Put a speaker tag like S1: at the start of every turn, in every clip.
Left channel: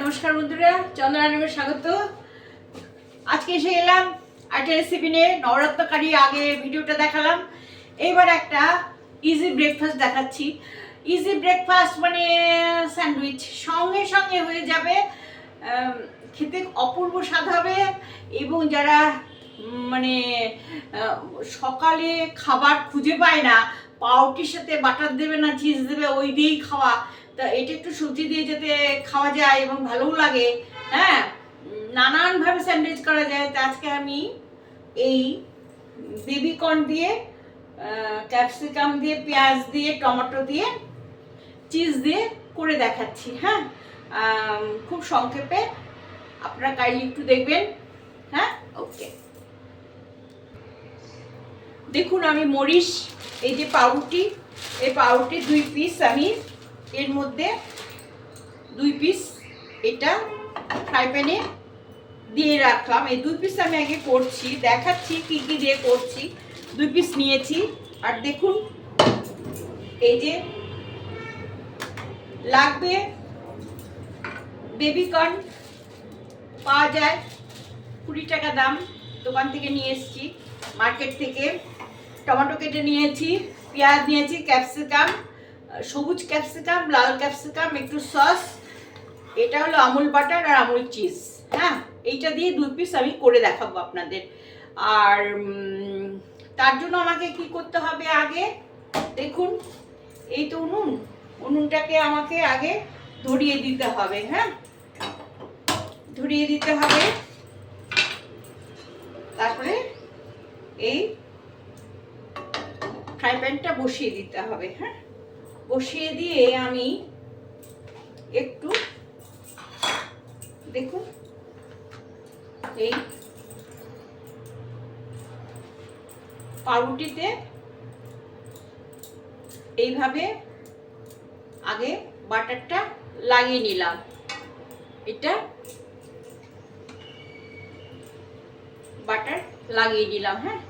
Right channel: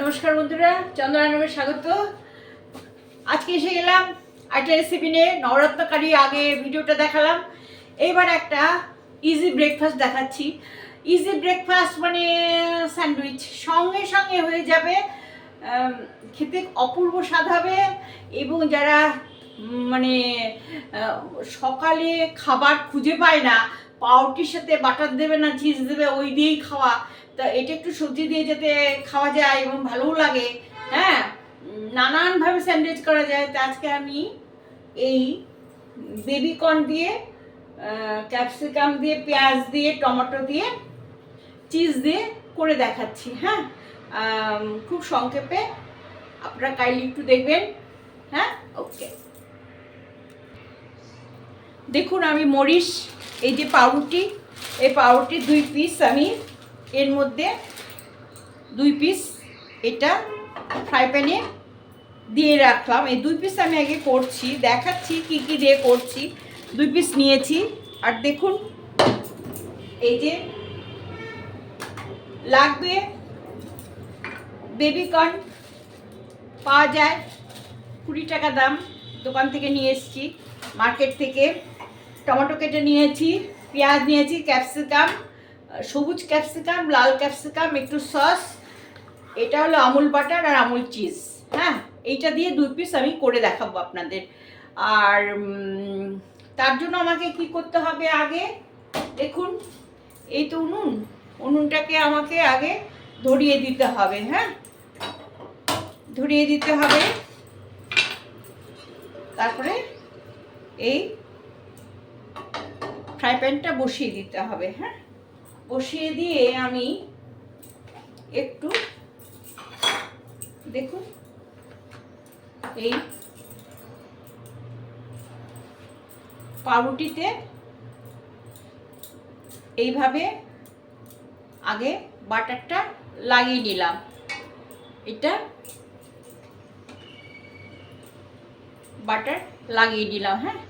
S1: নমস্কার বন্ধুরা চন্দ্রানবের স্বাগত। আজকে এসে গেলাম একটা রেসিপি নিয়ে নবরত্নকারী আগে ভিডিওটা দেখালাম। এইবার একটা ইজি ব্রেকফাস্ট দেখাচ্ছি। ইজি ব্রেকফাস্ট মানে স্যান্ডউইচ। সঙ্গে সঙ্গে হয়ে যাবে খেতে অপূর্ব স্বাদ হবে এবং যারা মানে সকালে খাবার খুঁজে পায় না পাউটির সাথে বাটার দেবে না, চিজ দেবে, ওই দিয়েই খাওয়া। তা এটা একটু সবজি দিয়ে যাতে খাওয়া যায় এবং ভালোও লাগে হ্যাঁ? নানানভাবে স্যান্ডউইচ করা যায়। তা আজকে আমি এই বেবিকর্ন দিয়ে ক্যাপসিকাম দিয়ে, পেঁয়াজ দিয়ে, টমেটো দিয়ে, চিজ দিয়ে করে দেখাচ্ছি হ্যাঁ? খুব সংক্ষেপে। আপনারা কাইন্ডলি একটু দেখবেন হ্যাঁ? ওকে। দেখুন, আমি মরিচ, এই যে পাউরুটি, এই পাউরুটি দুই পিস আমি, এর মধ্যে দুই পিস এটা ফ্রাই প্যানে দিয়ে রাখলাম। এই দুই পিস আমি আগে করছি, দেখাচ্ছি কি কি দিয়ে করছি। দুই পিস নিয়েছি, আর দেখুন, এই যে লাগবে বেবি কর্ন পাওয়া যায়। কুড়ি টাকা দাম, দোকান থেকে নিয়ে এসেছি, মার্কেট থেকে। টমেটো কেটে নিয়েছি, পেঁয়াজ নিয়েছি, ক্যাপসিকাম, সবুজ ক্যাপসিকাম, লাল ক্যাপসিকাম, একটু সস, এটা হলো আমুল বাটার আর আমুল চিজ হ্যাঁ? এইটা দিয়ে দু পিস আমি করে দেখাবো আপনাদের। আর তার জন্য আমাকে কি করতে হবে আগে? দেখুন, এই তো উনুন। উনুনটাকে আমাকে আগে ধরিয়ে দিতে হবে হ্যাঁ? ধরিয়ে দিতে হবে। তারপরে এই ফ্রাই প্যানটা বসিয়ে দিতে হবে হ্যাঁ? বসিয়ে দিয়ে আমি একটু, দেখুন, এই পাউরুটিতে এইভাবে আগে বাটারটা লাগিয়ে নিলাম। এটা বাটার লাগিয়ে নিলাম হ্যাঁ?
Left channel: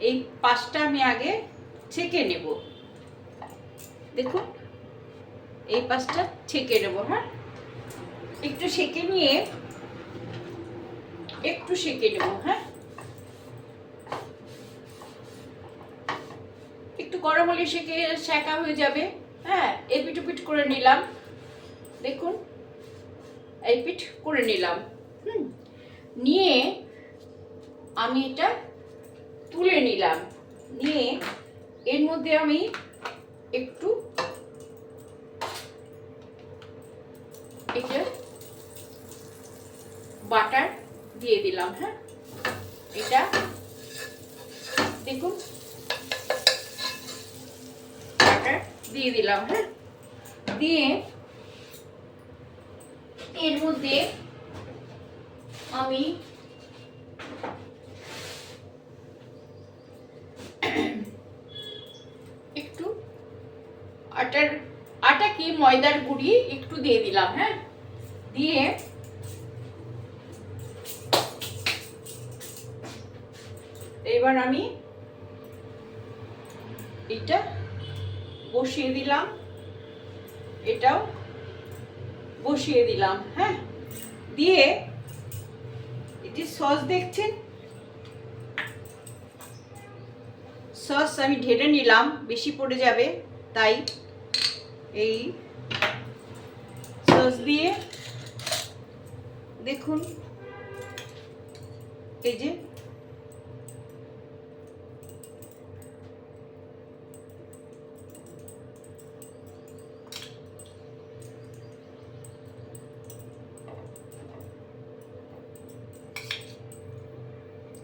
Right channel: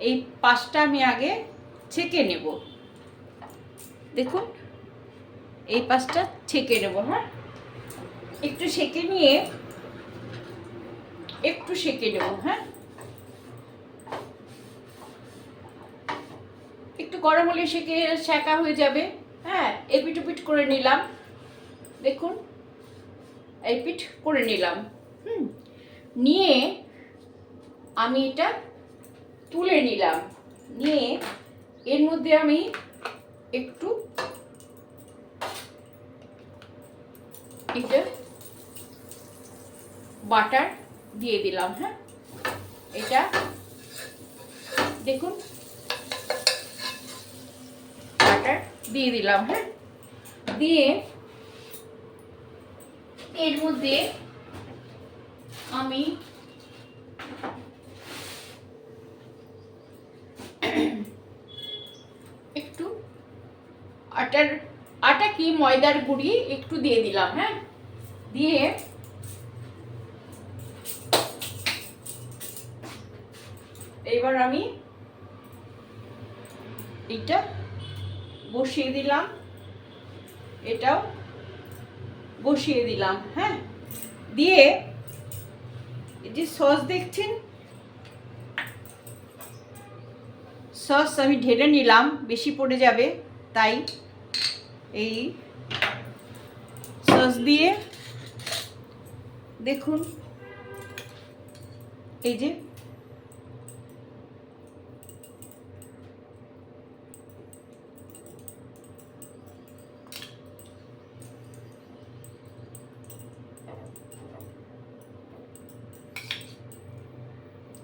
S1: এই পাঁচটা আমি আগে ছেঁকে নেব। দেখুন, এই পাঁচটা ছেঁকে নেব হ্যাঁ? একটু সেঁকে নিয়ে একটু সেঁকে নেব হ্যাঁ? একটু গরম হলে সেঁকে সেঁকা হয়ে যাবে হ্যাঁ? এপিট ওপিট করে নিলাম। দেখুন এই পিঠ করে নিলাম, হুম? নিয়ে আমি এটা তুলে নিলাম। নিয়ে এর মধ্যে আমি একটু এটা বাটার দিয়ে দিলাম হ্যাঁ? এটা দেখুন, বাটার দিয়ে দিলাম হ্যাঁ? দিয়ে এর মধ্যে আমি একটু আটার, আটা কি ময়দার গুঁড়ি? একটু দিয়ে দিলাম হ্যাঁ? দিয়ে এবার আমি এটা বসিয়ে দিলাম, এটাও বসিয়ে দিলাম হ্যাঁ? দিয়ে যে সস দেখছেন? সস আমি ঢেলে নিলাম, বেশি পড়ে যাবে, তাই এই সস দিয়ে দেখুন। এই যে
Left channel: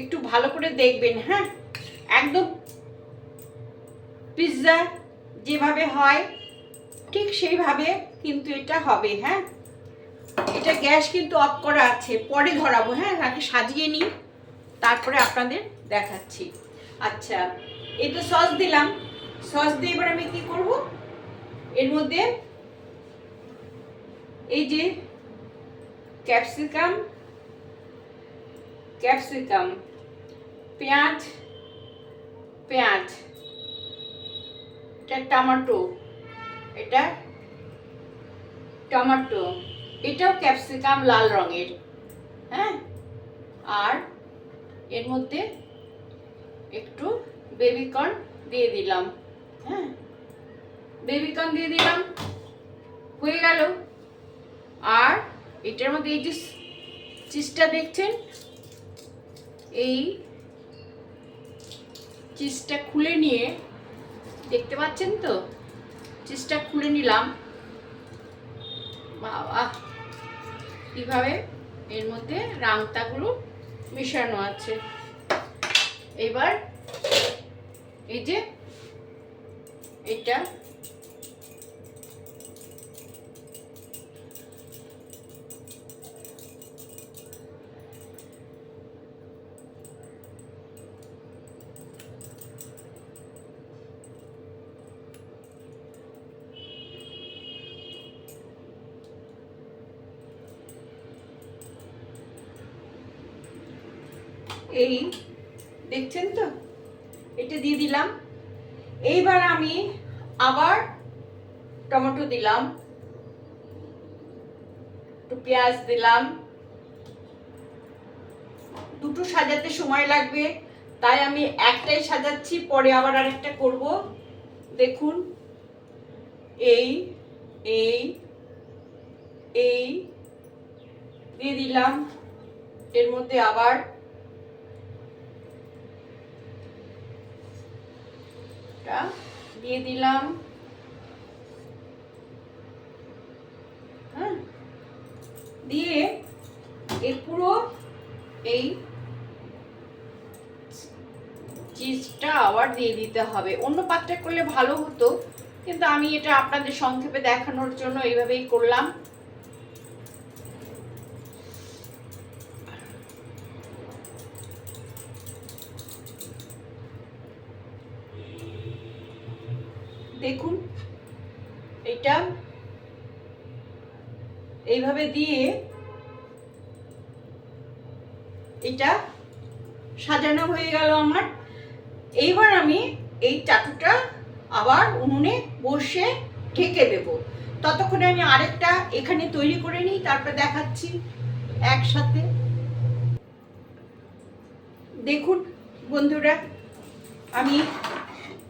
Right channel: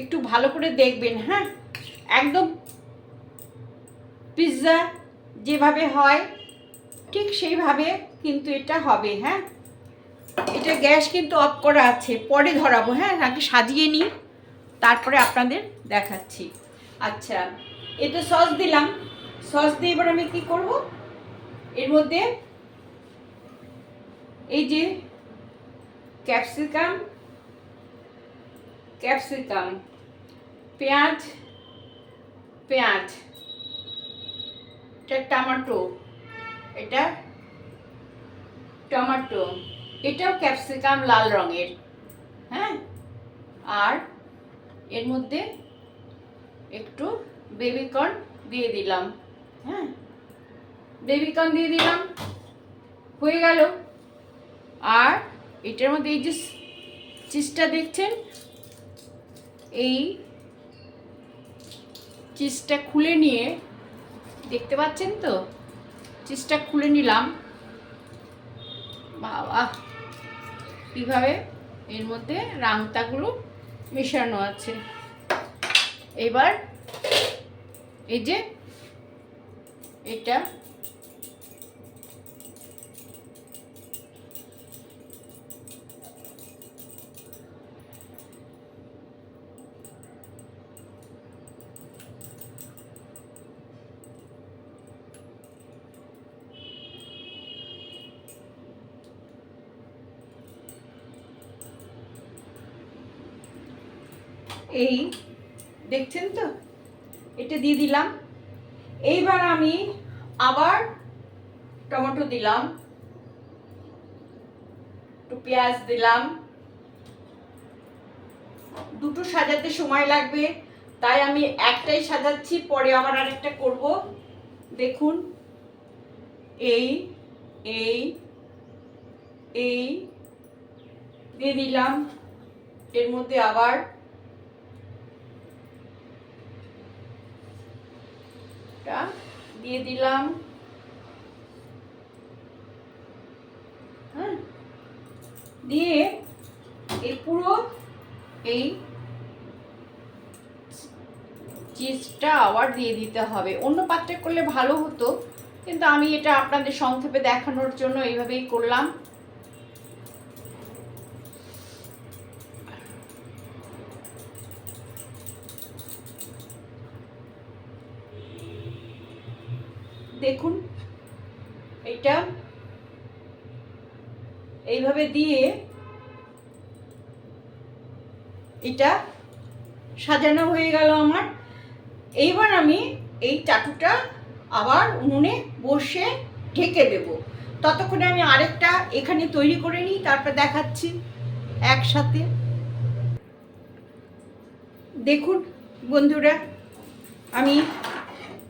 S1: একটু ভালো করে দেখবেন হ্যাঁ? একদম পিৎজা যেভাবে হয় সেইভাবে কিন্তু এটা হবে হ্যাঁ? এটা গ্যাস কিন্তু অফ করা আছে, পরে ধরাবো হ্যাঁ? আগে সাজিয়ে নিই, তারপরে আপনাদের দেখাচ্ছি। আচ্ছা এই তো সস দিলাম। সস দিয়ে এবার আমি কি করব? এর মধ্যে এই যে ক্যাপসিকাম ক্যাপসিকাম, পেঁয়াজ পেঁয়াজ, এটা টমেটো এটা টমেটো এটাও ক্যাপসিকাম লাল রঙের হ্যাঁ? আর এর মধ্যে একটু বেবিকর্ন দিয়ে দিলাম হ্যাঁ? বেবিকর্ন দিয়ে দিলাম, হয়ে গেল। আর এটার মধ্যে এই যে চিজটা দেখছেন? এই চিজটা খুলে নিয়ে, দেখতে পাচ্ছেন তো? চিজটা খুলে নিলাম। বাবা। কীভাবে? এর মধ্যে রাংতাগুলো মেশানো আছে। এবার এই যে এটা এই, দেখছেন তো? এটা দিয়ে দিলাম। এইবার আমি আবার টমেটো দিলাম। একটু পেঁয়াজ দিলাম। দুটো সাজাতে সময় লাগবে, তাই আমি একটাই সাজাচ্ছি, পরে আবার আরেকটা করব। দেখুন। এই এই এই, দিয়ে দিলাম। এর মধ্যে আবার টা দিয়ে দিলাম। হ্যাঁ? দিয়ে এই পুরো এই চিজটা আবার দিয়ে দিতে হবে। অন্য পাত্রে করলে ভালো হতো, কিন্তু আমি এটা আপনাদের সংক্ষেপে দেখানোর জন্য এইভাবেই করলাম। দেখুন, এটা এইভাবে দিয়ে এটা সাজানো হয়ে গেল আমার। এইবার আমি এই চাটুটা আবার উনুনে বসে ঢেকে দেব। ততক্ষণে আমি আরেকটা এখানে তৈরি করে নিই, তারপর দেখাচ্ছি একসাথে। দেখুন বন্ধুরা, আমি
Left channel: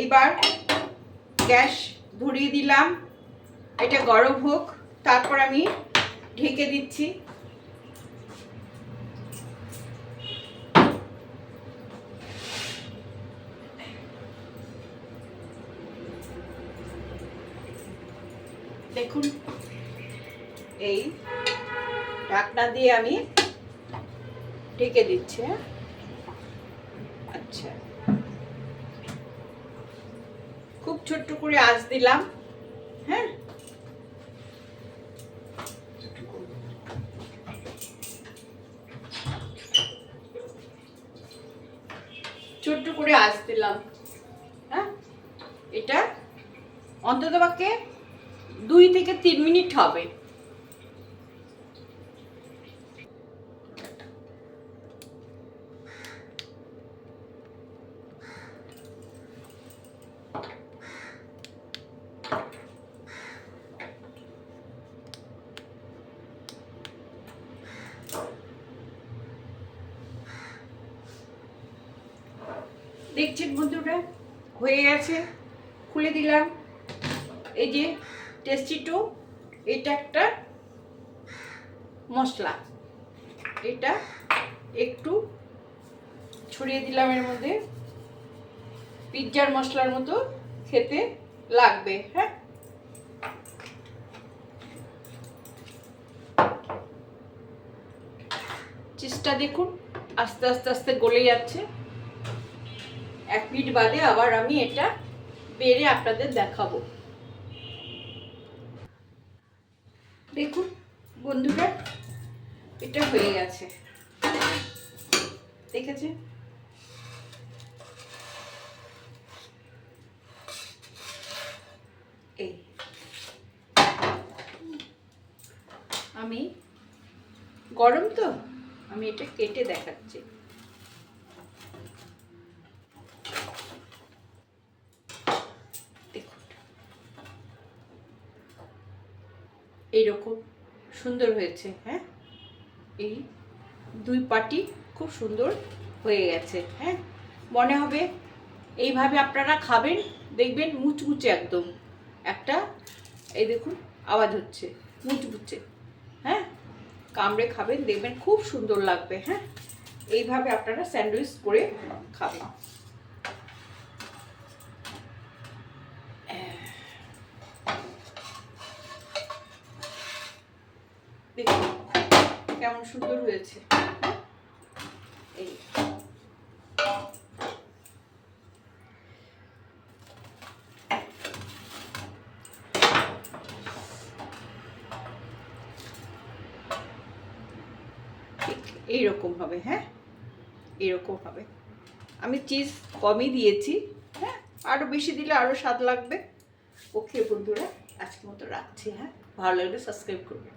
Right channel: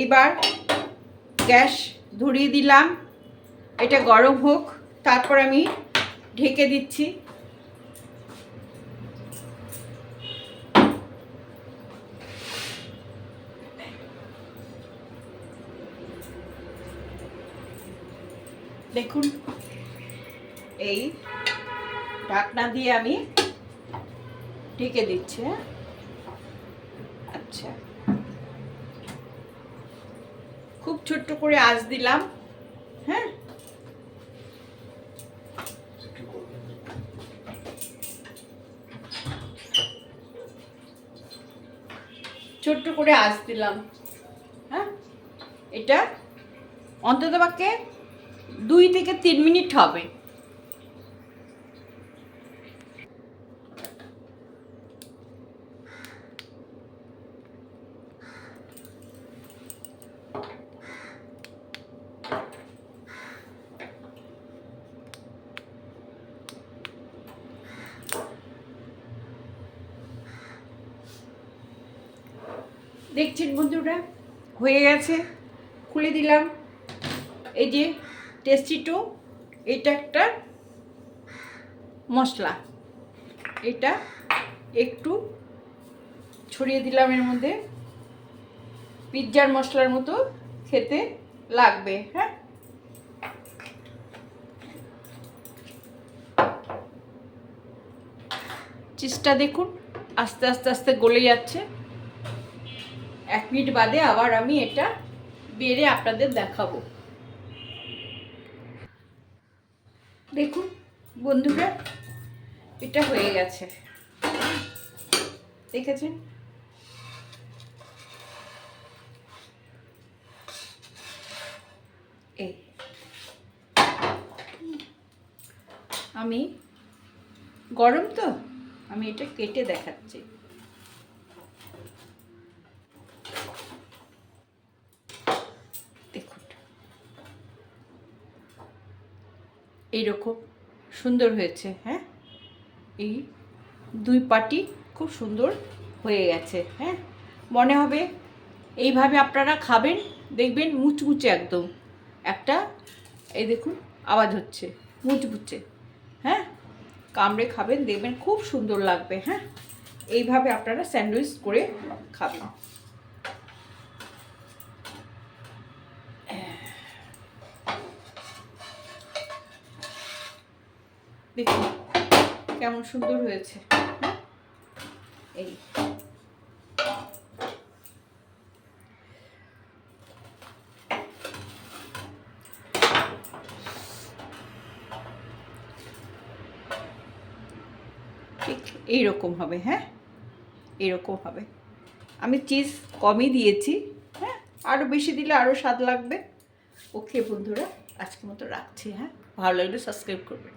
S1: এইবার গ্যাস ধরিয়ে দিলাম এটা গরম হোক, তারপর আমি ঢেকে দিচ্ছি দেখুন, এই ঢাকনা দিয়ে আমি ঢেকে দিচ্ছি হ্যাঁ? আচ্ছা খুব ছোট্ট করে আঁচ দিলাম। হ্যাঁ? ছোট্ট করে আঁচ দিলাম। হ্যাঁ? এটা অন্তত পক্ষে দুই থেকে তিন মিনিট হবে। দেখছেন বন্ধুরা, হয়ে গেছে, খুলে দিলাম। এই যে টেস্টি টু, এটা একটা মশলা। এটা একটু ছড়িয়ে দিলাম এর মধ্যে। পিৎজার মশলার মতো খেতে লাগবে হ্যাঁ? চিজটা দেখুন, আস্তে আস্তে আস্তে গলে যাচ্ছে। এক মিনিট বাদে আবার আমি এটা বেড়ে আপনাদের দেখাবো। দেখুন, বন্ধুরা, এটা হয়ে গেছে। দেখেছেন? এই। আমি গরম তো? আমি এটা কেটে দেখাচ্ছি। এইরকম সুন্দর হয়েছে হ্যাঁ? এই দুই পাটি খুব সুন্দর হয়ে গেছে হ্যাঁ? মনে হবে এইভাবে আপনারা খাবেন, দেখবেন মুচমুচে একদম। একটা, এই দেখুন, আওয়াজ হচ্ছে, মুচমুচে হ্যাঁ? কামড়ে খাবেন, দেখবেন খুব সুন্দর লাগবে হ্যাঁ? এইভাবে আপনারা স্যান্ডউইচ করে খাবেন। দেখুন কেমন সুন্দর হয়েছে। হ্যাঁ? এই এইরকম হবে হ্যাঁ? এরকম হবে। আমি চিজ কমই দিয়েছি হ্যাঁ? আরও বেশি দিলে আরও স্বাদ লাগবে। ওকে বন্ধুরা, আজকের মতো রাখছি হ্যাঁ? ভালো লাগলে সাবস্ক্রাইব করবেন।